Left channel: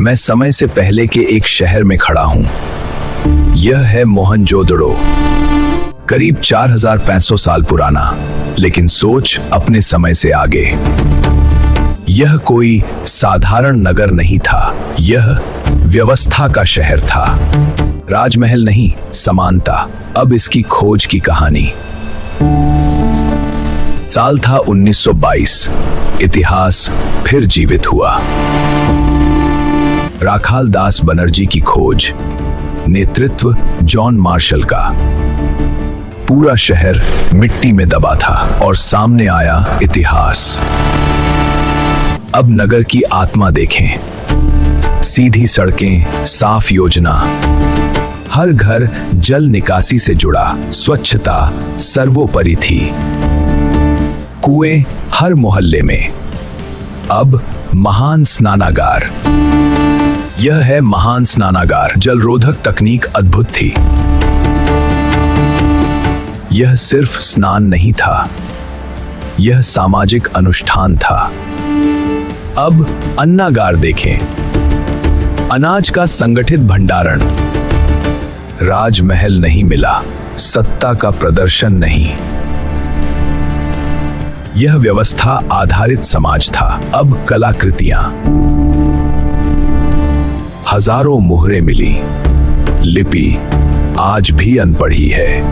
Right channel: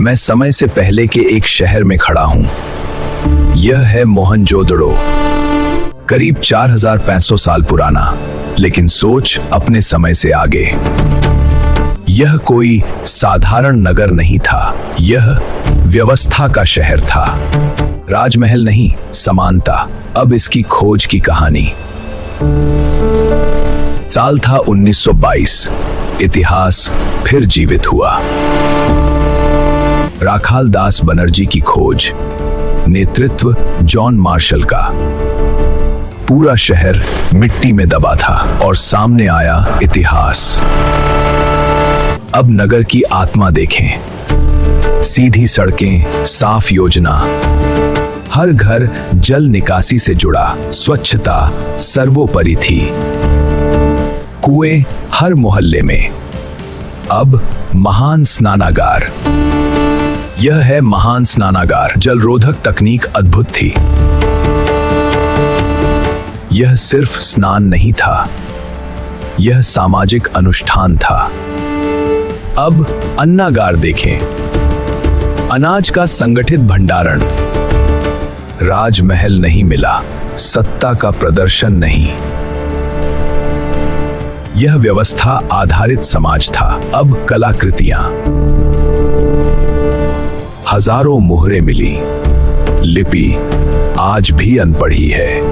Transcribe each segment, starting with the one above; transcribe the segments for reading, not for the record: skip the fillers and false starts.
मैं समय से पहले के एक शहर में खड़ा हूं। यह है मोहनजोदड़ो, करीब 4500 साल पुराना, लेकिन सोच अपने समय से आगे। यह कोई साधारण नगर नहीं था, यह व्यवस्था का शहर था। राजमहल नहीं, समानता। अब इसकी खोज की कहानी। साल था 1922। इतिहास फिर जीवित हुआ। राखाल दास बनर्जी की खोज, नेतृत्व जॉन मार्शल का। पूरा शहर मिट्टी में दबा था और सामने आया इतिहास। अब नगर की आत्मा देखें। सीधी सड़कें, साफ योजना, हर घर जल निकासी से जुड़ा, स्वच्छता सर्वोपरि थी। कुएं हर मोहल्ले में। अब महान स्नानागार। यह है महान स्नानागार। जलरोधक तकनीक अद्भुत थी। यह सिर्फ स्नान नहीं था, यह सामाजिक अनुष्ठान था। अब अन्नागार देखें। अनाज का संगठित भंडारण। राजमहल नहीं मिला, सत्ता का प्रदर्शन नहीं। यह व्यवस्था आधारित समाज था। अब कलाकृतियां। हजारों मुहरें मिली। लिपि आज भी अनपढ़ी है।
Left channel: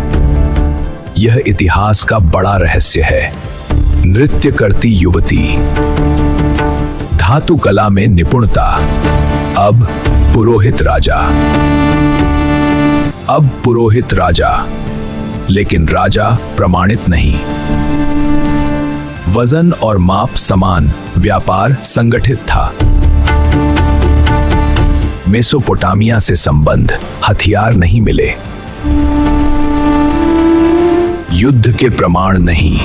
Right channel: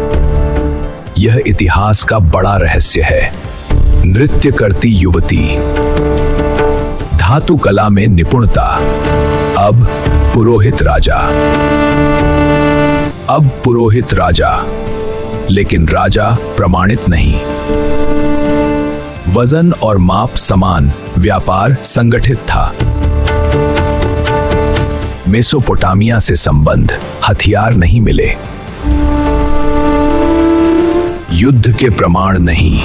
यह इतिहास का बड़ा रहस्य है। नृत्य करती युवती, धातु कला में निपुणता। अब पुरोहित राजा। अब पुरोहित राजा, लेकिन राजा प्रमाणित नहीं। वजन और माप समान, व्यापार संगठित था। मेसोपोटामिया से संबंध, हथियार नहीं मिले। युद्ध के प्रमाण नहीं।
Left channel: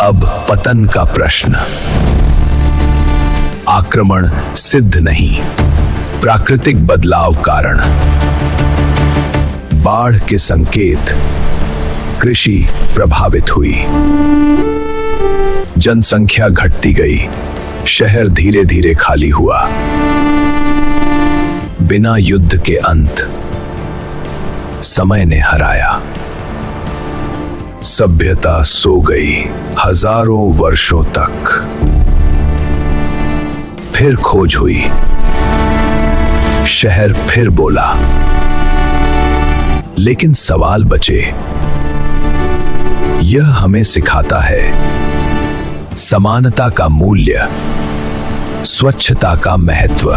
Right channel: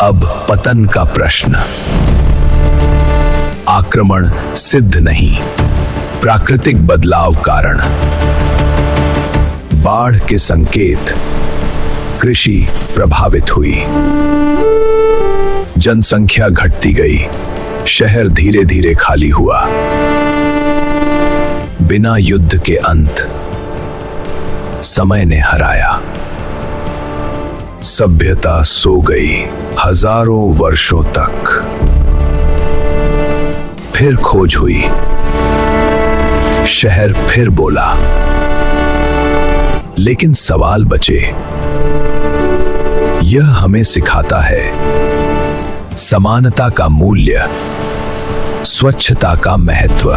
अब पतन का प्रश्न। आक्रमण सिद्ध नहीं, प्राकृतिक बदलाव कारण। बाढ़ के संकेत। कृषि प्रभावित हुई। जनसंख्या घटती गई। शहर धीरे धीरे खाली हुआ। बिना युद्ध के अंत। समय ने हराया। सभ्यता सो गई हजारों वर्षों तक। फिर खोज हुई। शहर फिर बोला। लेकिन सवाल बचे। यह हमें सिखाता है समानता का मूल्य, स्वच्छता का महत्व।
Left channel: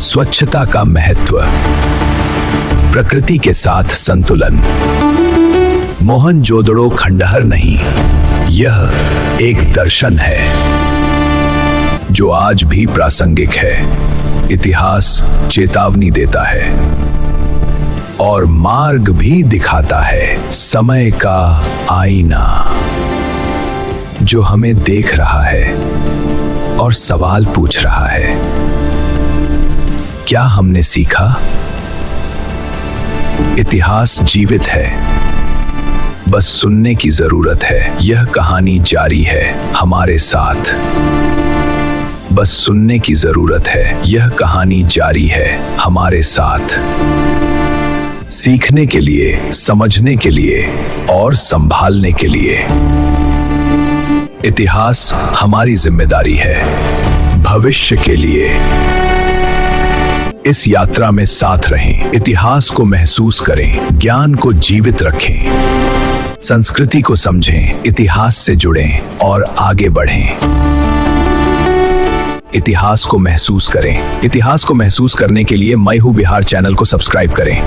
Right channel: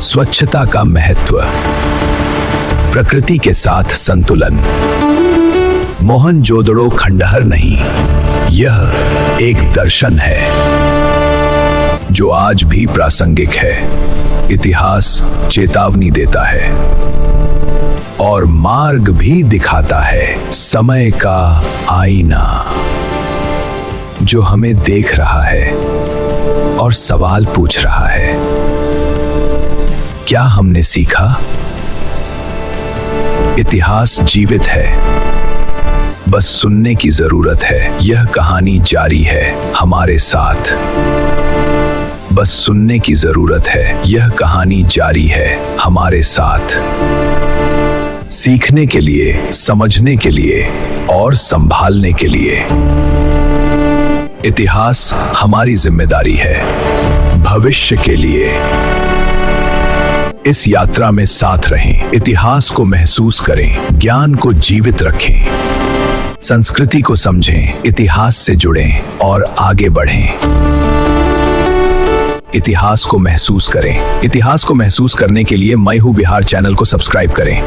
स्वच्छता का महत्व, प्रकृति के साथ संतुलन। मोहनजोदड़ो खंडहर नहीं, यह एक दर्शन है जो आज भी प्रासंगिक है। इतिहास चेतावनी देता है और मार्ग भी दिखाता है। समय का आईना जो हमें देख रहा है और सवाल पूछ रहा है। क्या हमने सीखा? इतिहास जीवित है, बस सुनने की जरूरत है। यह कहानी जारी है हमारे साथ। बस सुनने की जरूरत है। यह कहानी जारी है हमारे साथ। सीखने के लिए, समझने के लिए और संभालने के लिए। इतिहास हमारी जिम्मेदारी है, भविष्य के लिए। इस यात्रा में साथ रहें, इतिहास को महसूस करें, ज्ञान को जीवित रखें, संस्कृति को समझें, इतिहास से जुड़ें और आगे बढ़ें। इतिहास को महसूस करें। इतिहास को महसूस करने के लिए मैं हूं बिहार चैनल को सब्सक्राइब करें।